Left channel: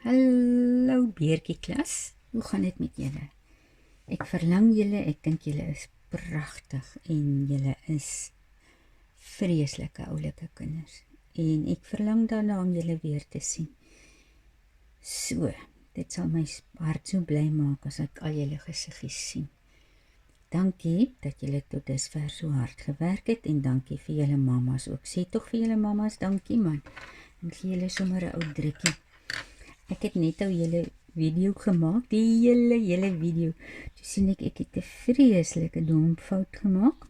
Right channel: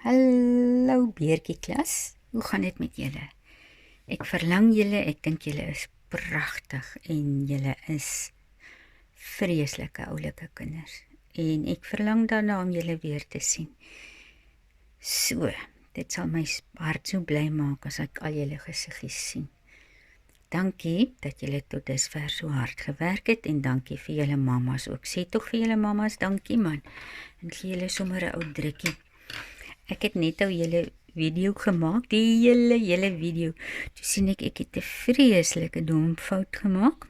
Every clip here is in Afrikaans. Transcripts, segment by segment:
Hallo beertjie klas, hoe gaan dit met julle? Ek verlang julle, ek dink julle is pragtig en julle is vreeslike oulike kinders. En ek verlang daarna om julle weer te sien. So, dit sal my hart so bly maak as ek al julle gesiggies sien. Dankie dat julle tot dusver so hard gewerk het en dankie vir julle mamas ook. Sê tog vir julle mamas dankie man. En gee julle sommer 'n ou drukkie. Ek het net ou julle video gemaak, die hele video. Toe sien ek het 'n vreeslike dom fout gemaak.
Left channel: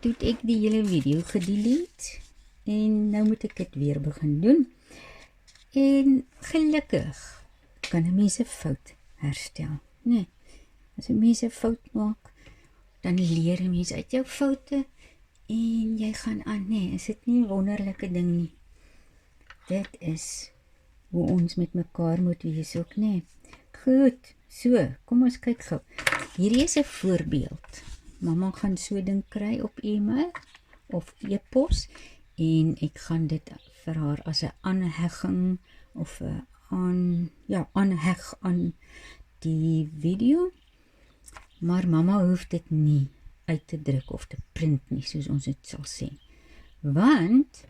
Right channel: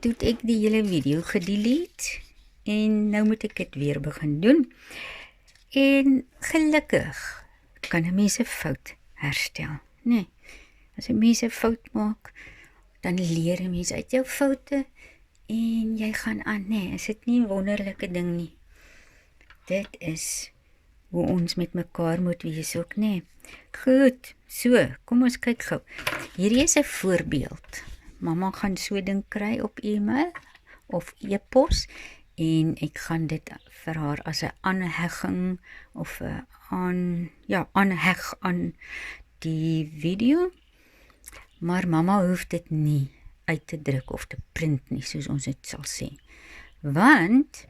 Toe het ek die hele video gedelete en nou moet ek dit weer begin doen. En gelukkig kan 'n mens 'n fout herstel, nee. As 'n mens 'n fout maak, dan leer 'n mens uit jou foute en jy gaan aan, nee, is dit nie 'n wonderlike ding nie. Dit is hoe ons met mekaar moet wees ook, nee. Goed, so, kom ons kyk gou. Hierdie is 'n voorbeeld. Mamma gaan so ding kry op e-mail of e-pos en ek gaan dit vir haar as 'n aanhegging of 'n aanheg aan die video. Maar mamma hoef dit nie uit te druk of te print nie, soos ons dit sal sê. Want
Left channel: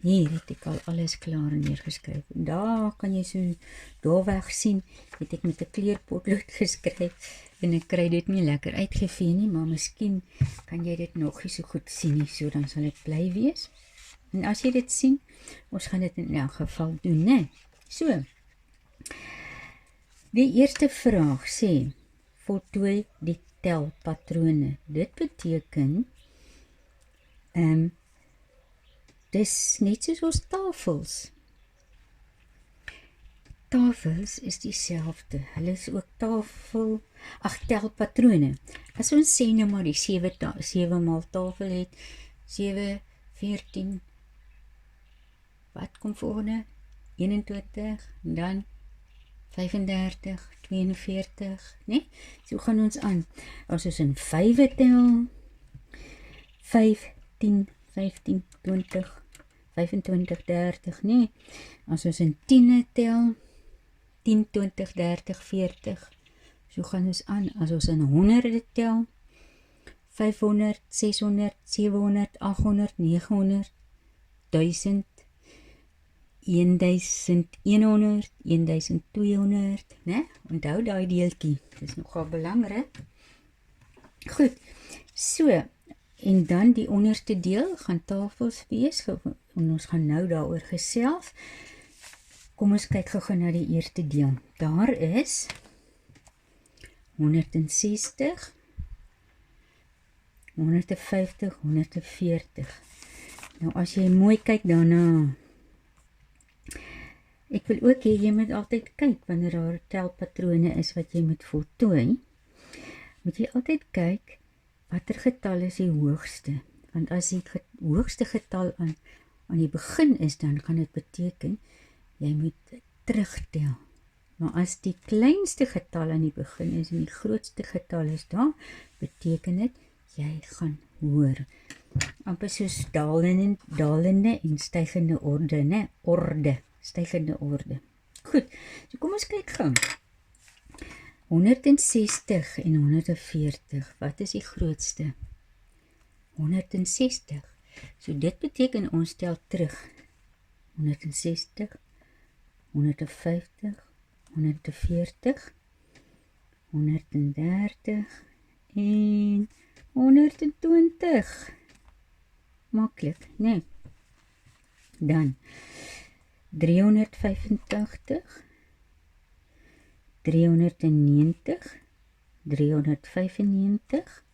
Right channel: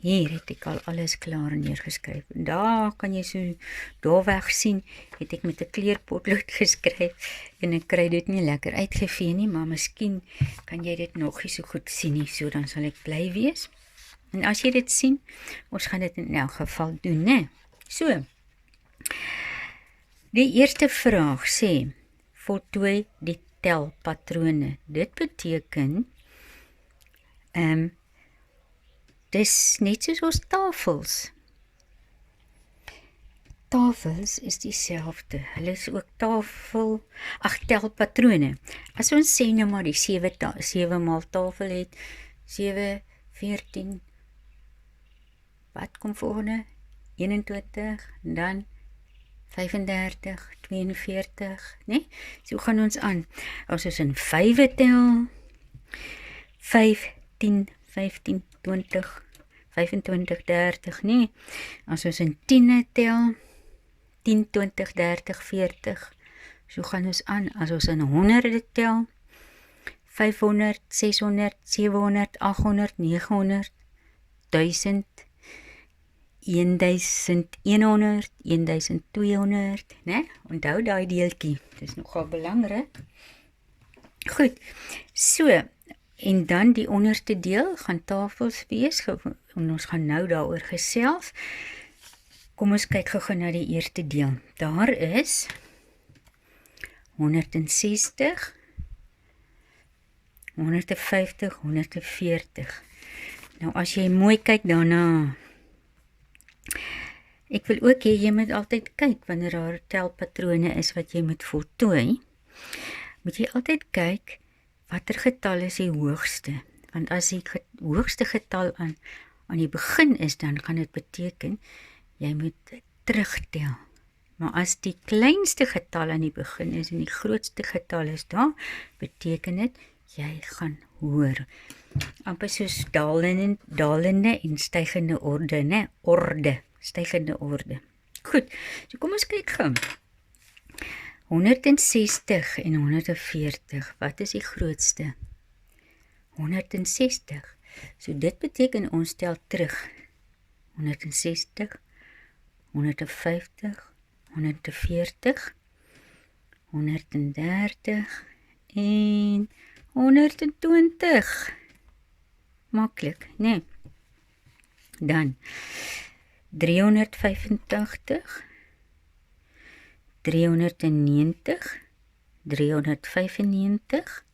hier het ek al alles klaar neergeskryf. Daar kan jy so daar weg sien, het ek met 'n kleurpotlood geskryf en ek kry dit nie lekker uitgevee nie, maar miskien kan jy dit nog nie so goed sien nie, so dan sal ek bly wees. En as jy dit sien, ons gaan dit in elk geval doen, né? So, die eerste vraag sê, voltooi die telpatrone. Dit beteken, dis net soos ons tafels. Tafels is dieselfde. Hulle is ook telpatrone. As ons sê nou maar die 7 maal tafel het, 7, 14, wat kom volgende? 21, dan 35, 42, nee? So gaan ons aan. As ons in 5 tel, 5, 10, 15, 20, 25, 30, nee. As ons in 10 tel, 10, 20, 30, 40, so gaan ons aan. As ons in 100 tel, 500, 600, 700, 800, 900, 1000, 1100, 1200, né? Onthou daai deeltjie, dis nogal belangrik. Goed, so, en dan die onderste deel gaan tafels wees, en ons gaan nou daaroor gesels. Kom ons kyk gou na die eerste deel. Daar is 160, 150, 140. Nou as jy mooi kyk daarna, ek wil ook hê jy moet altyd kyk wanneer daar telpatrone is wat jy moet voltooi. Moet jy altyd kyk watter getal is die hoogste. Want as die hoogste getal aan die begin is, dan gaan dit beteken jy moet terugtel. Maar as die kleinste getal aan die begin is en die grootste getal is daar, beteken dit jy gaan hoor. Amper soos dalende en stygende orde, né? Stygende orde. Goed, so kom ons kyk gou. 160 en 140, wat is die grootste? 160. So dit beteken ons tel terug. 160, 150, 140, 130 en 120. Maklik, nee. Dan 385, 390, 395,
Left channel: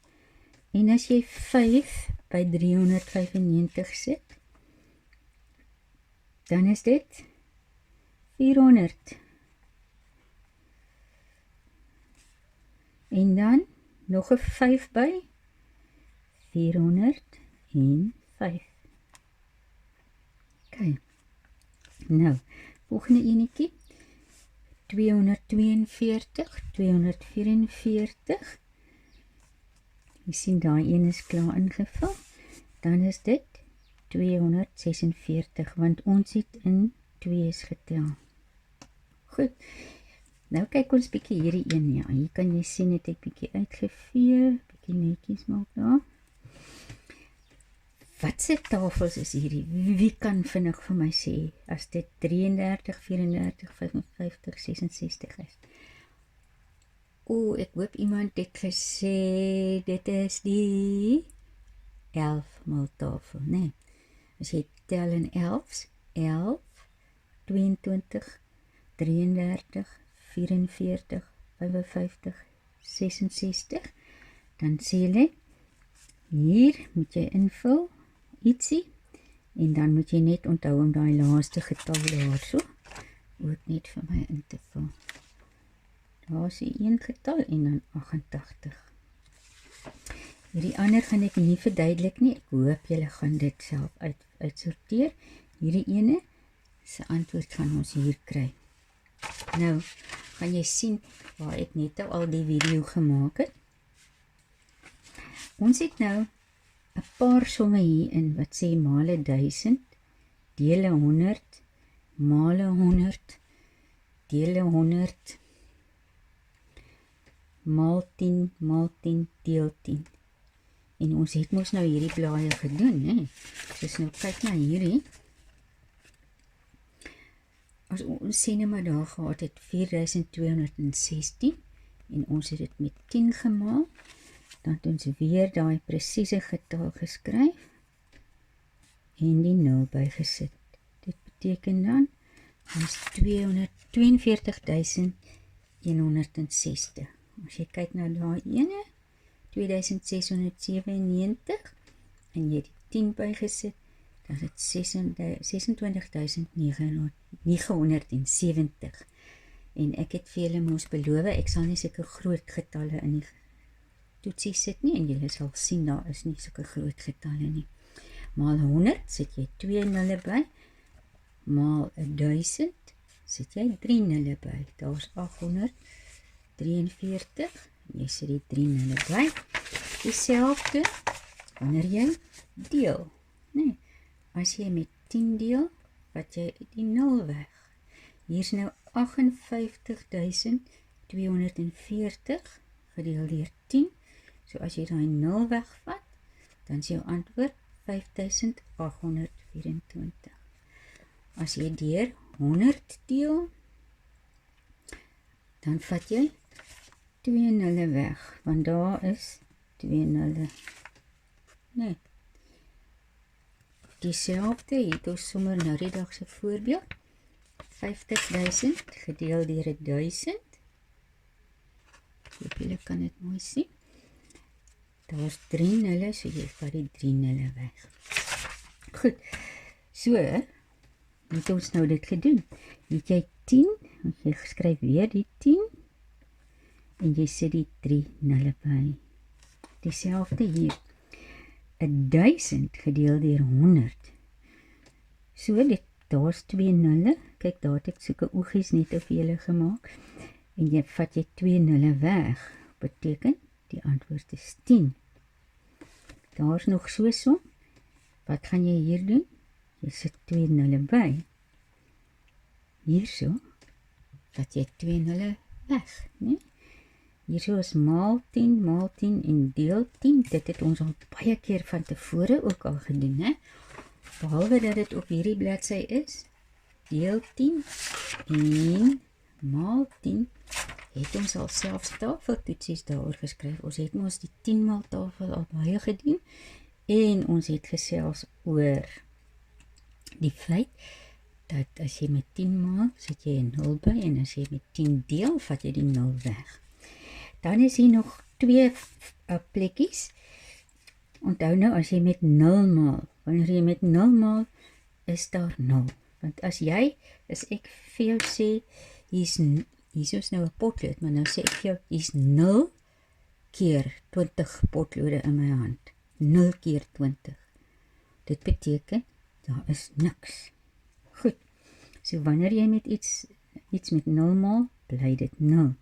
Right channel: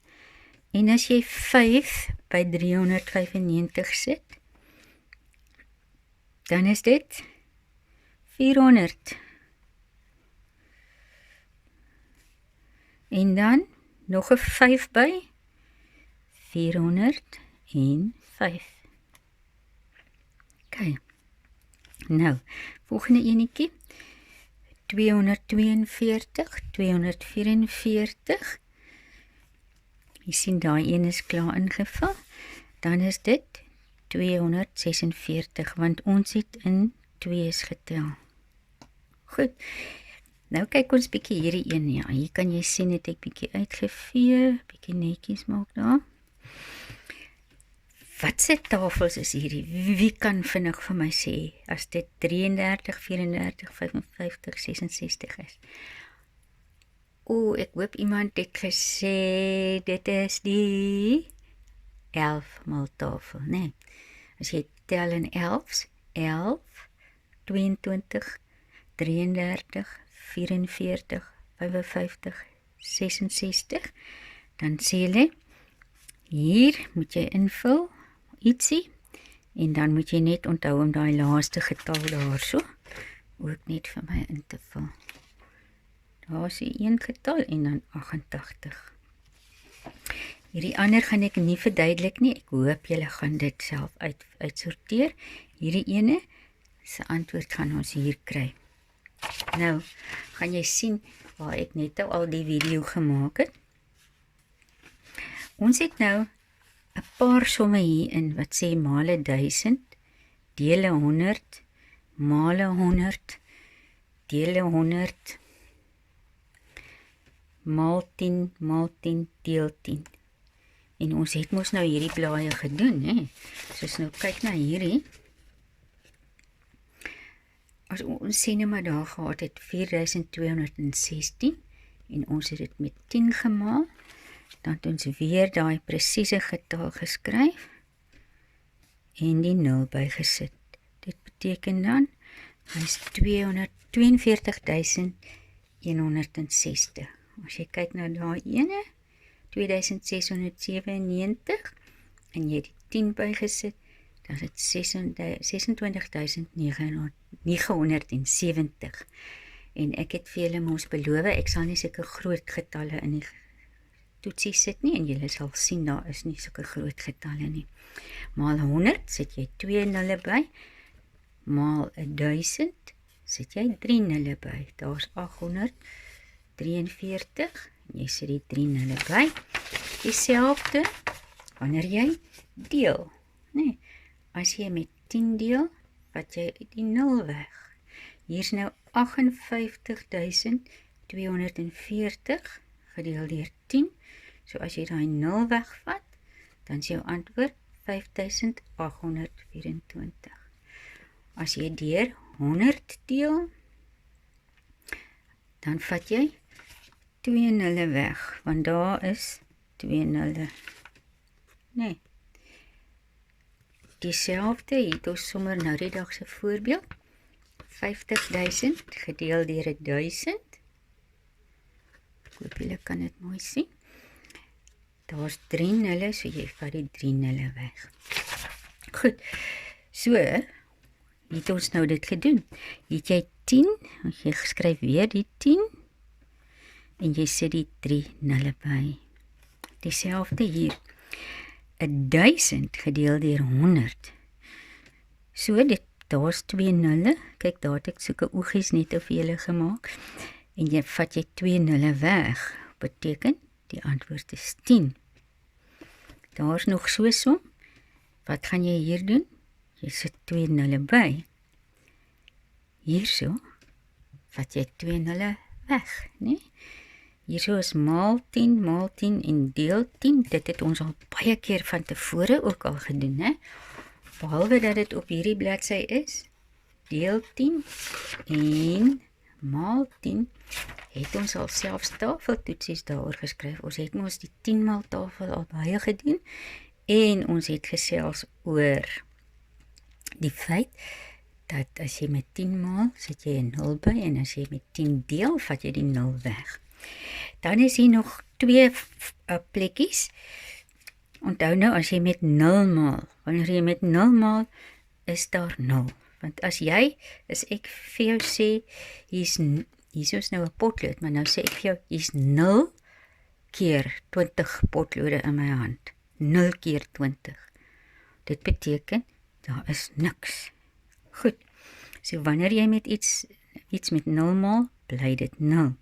en as jy 5 by 395 sit, dan is dit 400. En dan nog 'n 5 by 405. Okay. Nou, volgende enetjie. 242, 244. Jy sien daai een is klaar ingevul. Dan is dit 246, want ons het in 2's getel. Goed. Nou kyk ons bietjie hierdie een, ja. Hier kan jy sien het ek bietjie uitgevee, bietjie netjies maak daar. Wat se tafels is hierdie? Wie kan vinnig vir my sê as dit 33, 34, 55, 66 is? Ek hoop iemand het gesê dit is die 11 mal tafel, nee. As jy tel in 11's, 11, 22, 33, 44, 55, 66, dan sê jy, hier moet jy invul, ietsie, en dan moet jy net onthou om daai laaste getal daar so, ook net vir my in te vul. Daar is die een getal en dan 88. Hierdie ander gaan ek nie verduidelik nie, ek hoop julle gaan dit self uitsorteer. Hierdie ene, se antwoord gaan ons hier kry. Nou, gaan jy sien waar ek net al die video gemaak het. Ons het nou 'n paar somme hier in wat sê male 1000, dele 100, male 100, dele 100, maal 10, deel 10. En ons het mos nou hierdie blaaie gedoen, hè? Soos nou kyk na hierdie. As ons sê nou maar daar gehad het 4216 en ons het dit met 10 gemaal, dan het ons weer daai presiese getal geskryf en die 0 bygesit. Dit beteken dan is 242.160. As jy kyk na daai ene, 2697 en jy het die 10 bygesit, dan is dit 26.970. En ek het vir julle mos beloof, ek sal nie sulke groot getalle in die toetsie sit nie, en julle sal sien, daar is nie sulke groot getalle nie. Maal 100, sit jy 2 nulle by, maal 1000, sit jy 3 nulle by, daar is 843, jy sit die 3 nulle by, dieselfde, wanneer jy deel, nee, as jy met 10 deel, vat jy die 0 weg, hier is nou 58.240 gedeel deur 10, so as jy die 0 wegvat, dan is jou antwoord 5824. As jy deur 100 deel, dan vat jy 2 nulle weg, want daar is 2 nulle. Nee. Dieselfde, hier het ons sommer nou die dagse voorbeeld. 50.000 gedeel deur 1000. Ek hoop julle kan dit mooi sien. Daar is 3 nulle, so jy vat die 3 nulle weg. Goed, so het ons nou dit gedoen. Het jy 10, jy skryf weer die 10, en jy sit die 3 nulle by. Dieselfde hier. 1000 gedeel deur 100. So, daar is 2 nulle. Kyk, daar het ek soeke oogies net vir julle gemaak. En jy vat jy 2 nulle weg. Beteken, die antwoord is 10. Daar is nog so som. Wat gaan jy hier doen? Jy sit 2 nulle by. Hierso, vat jy 2 nulle weg, nee? Hierso is maal 10 en deel 10. Dit het ons al baie keer van tevore ook al gedoen, hè? Behalwe dat dit op hierdie bladsy is, deel 10 en maal 10, het ons al selfs tafeltoetsies daaroor geskryf. Ons het ons die 10 maal tafel al baie gedoen, en ons het gesels oor die feit, dat as jy met 10 maal, sit jy 'n 0 by, en as jy met 10 deel, vat jy die 0 weg. Dan is hier nog 2 plekkies. Onthou nou, as jy met 0 maal, wanneer jy met 0 maal, is daar 0. Want as ek vir jou sê, hier is nou 'n potlood, maar nou sê ek vir jou, hier is 0 keer 20 potlode in my hand. 0 keer 20. Dit beteken, daar is niks. Goed, so wanneer jy met iets met 0 maal, bly dit 0.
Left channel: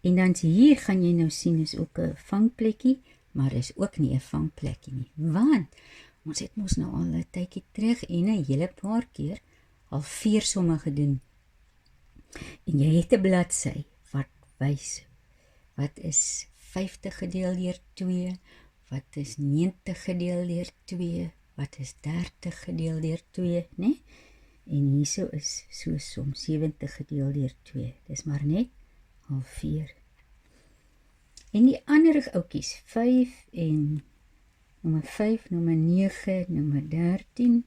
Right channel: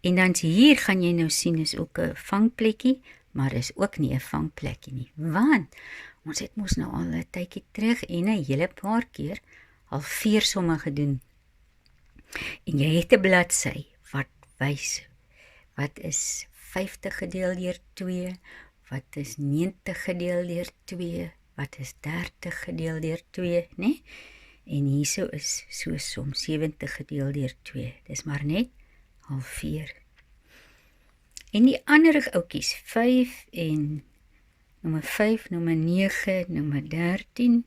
En dan hier gaan jy nou sien, is ook 'n vangplekkie, maar is ook nie 'n vangplekkie nie, want ons het mos nou al 'n tydjie terug en 'n hele paar keer al 4 somme gedoen. En jy het 'n bladsy wat wys wat is 50 gedeel deur 2, wat is 90 gedeel deur 2, wat is 30 gedeel deur 2, né? En hierso is so som 70 gedeel deur 2. Dis maar net halveer. En die ander ouetjies, 5 en nommer 5, nommer 9, nommer 13,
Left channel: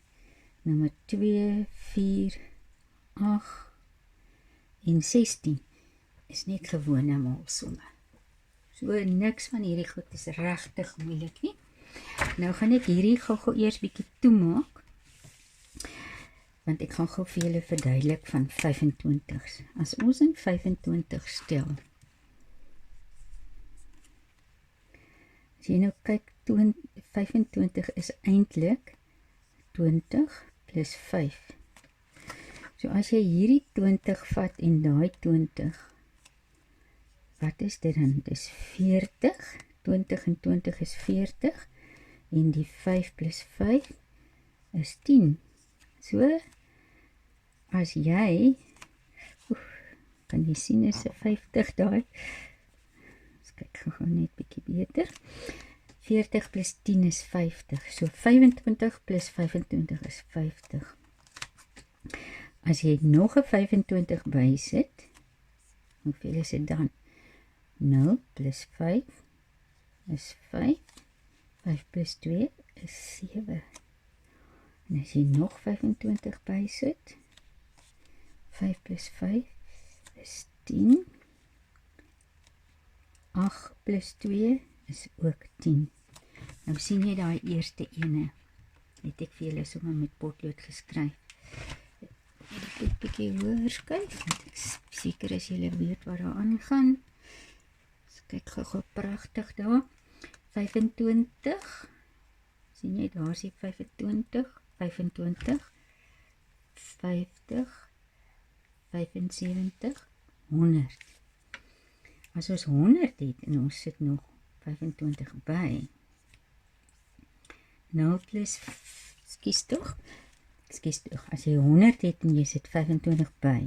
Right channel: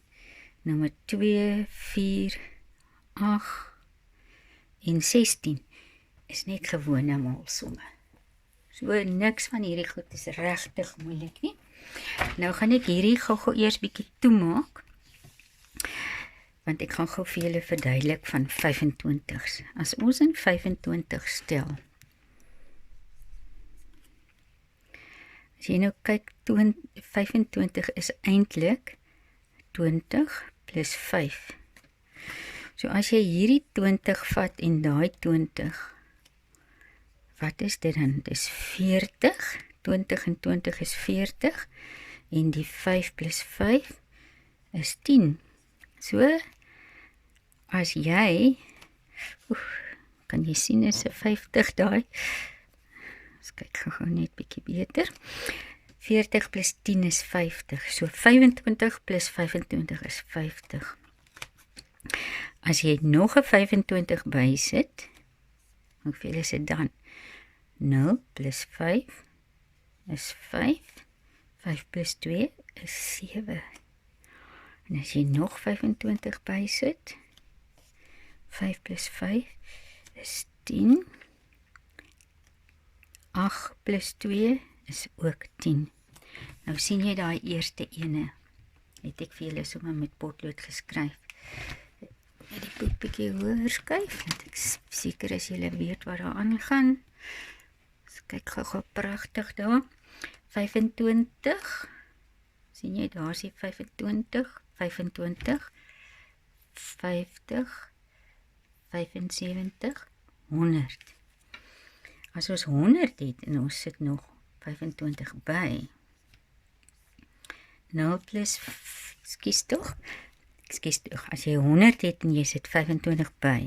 nommer 2, 4, 8 en 16 is net gewone maalsomme. So niks van hierdie goed is regtig moeilik nie. Nou gaan ek hierdie gou eers bietjie toemaak, want ek gaan gou vir julle verduidelik van 25's. As ons in 25 stel, as jy nou kyk, 25 is eintlik 20 plus 5. So as jy hierdie 20 vat en daai 20, wat is dit dan? Dit is 40, 20 en 20 is 40, en die 5 plus 5 is 10. So, as jy, kan jy sien is 'n 50 daai, ons kyk gou net bietjie beter, 40 plus 10 is 50, so 25 plus 25 is 50. As jy nog 'n 25 bysit, hoeveel is dit dan? 0 plus 5 is 5, 5 plus 2 is 7. En as jy nog 25 bysit, 5 plus 5 is 10, 8 plus 2 is ook 10. Nou sien jy daai eerste ene, het ek vir julle sommer met potlood geskryf. Net die boek bietjie hoër skuif, want ek seker as julle weet wat daar aangaan. Kyk gou pragtig daar. 25. Sien jy, daar is die 25, 25, 50, 75, 100. As ons 100 het en ons sit nog 25 by. 0 plus, skies toch, as jy 100 het en jy sit 25 by.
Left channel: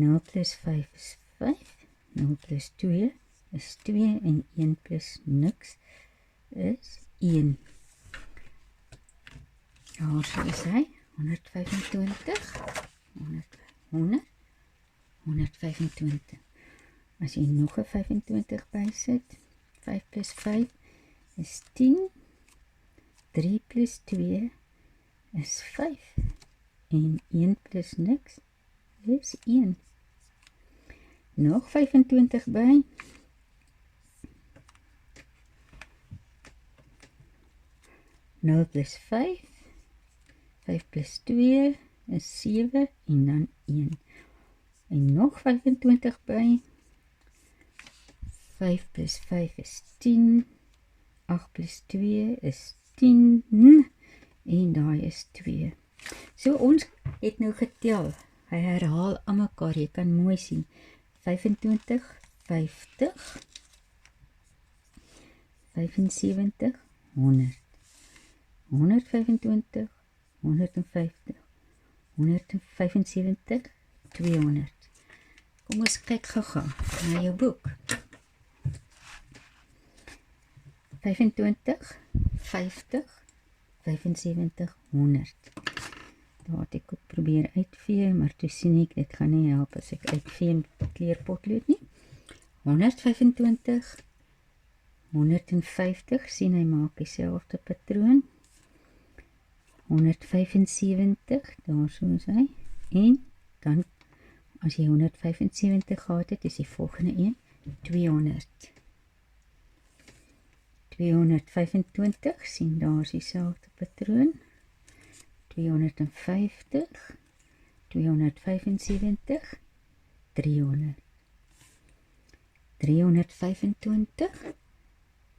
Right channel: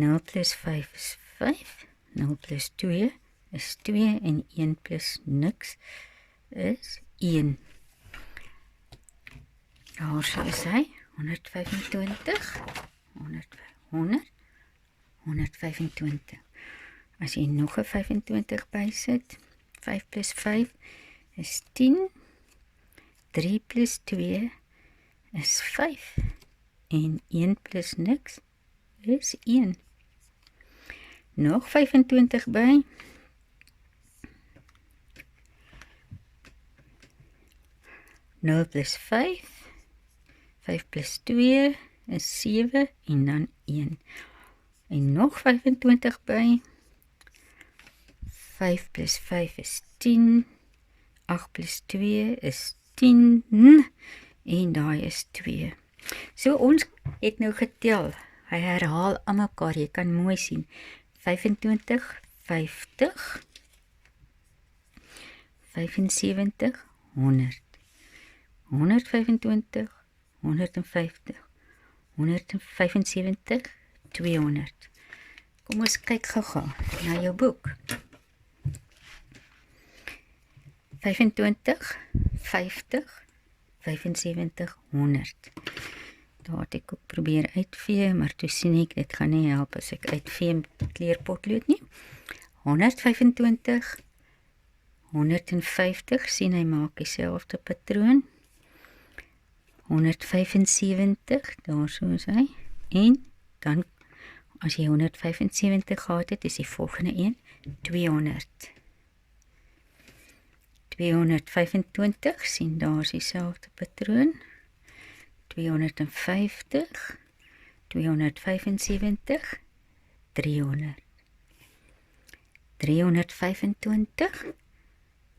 0 plus 5 is 5. 0 plus 2 is 2 en 1 plus niks is 1. Daar so is hy, 125, 100, 125. As jy nog 'n 25 bysit, 5 plus 5 is 10, 3 plus 2 is 5 en 1 plus niks is 1. Nog 25 by. Nul plus 5. 5 plus 2 is 7 en dan 1. En nog 25 by. 5 plus 5 is 10. 8 plus 2 is 10. En daai is 2. So ons het nou getel. Hy herhaal aan mekaar, jy kan mooi sien. 25, 50, 75, 100, 125, 150, 175, 200. Kom ons kyk gou na jou boek. 25, 50, 75, 100. Daar het ek ook probeer uitvee, maar toe sien ek, dit gaan nie help as ek uitvee met kleurpotlood nie. 125, 150, sien hy maak dieselfde patroon. 175, daar so is hy. En dan, as jy 175 gehad het, is die volgende een, 200. 225, sien daar is dieselfde patroon. 250, 275, 300. 325,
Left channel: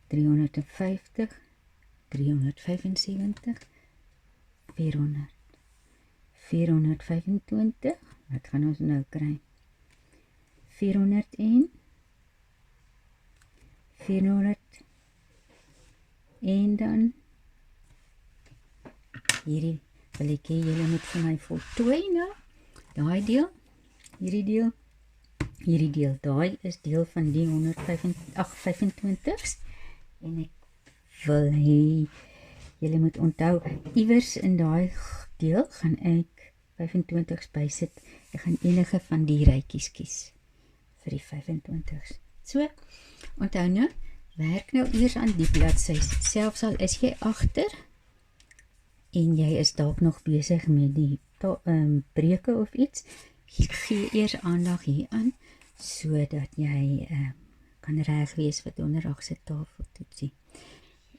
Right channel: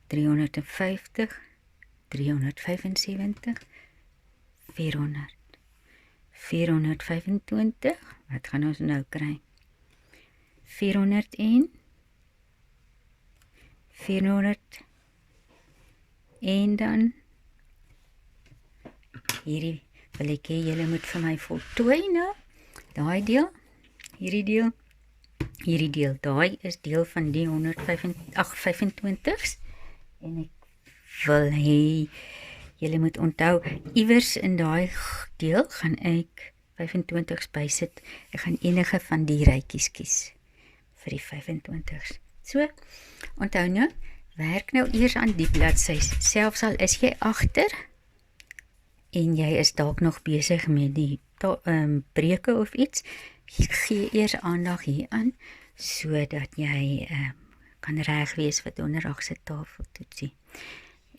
350, 375, 400. 425, wat gaan ons nou kry? 401, 400, en dan hierdie wil ek hê julle moet vir my voltooi nou, daai deel, hierdie deel. Hierdie deel, daai is deel van die 125's. En ek wil hê, julle moet onthou, iewers in daai deel gaan ek 25's bysit. Ek gaan enige van die rytjies kies vir die 25's. So, onthou nou, werk nou eers aan die bladsy, selfs al is jy agter, en jy is dalk nog besig met die breuke of iets, gee eers aandag hieraan, sodat jy kan reg wees vir donderdag se tafeltoetsie.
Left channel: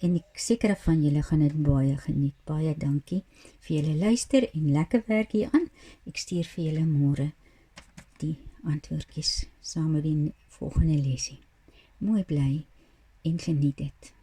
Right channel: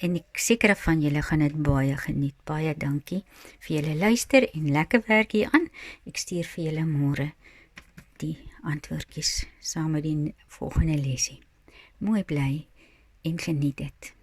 En ek seker van julle gaan dit baie geniet. Baie dankie vir julle luister en lekker werk hieraan. Ek stuur vir julle môre die antwoordjies saam met die volgende lesie. Mooi bly en geniet dit.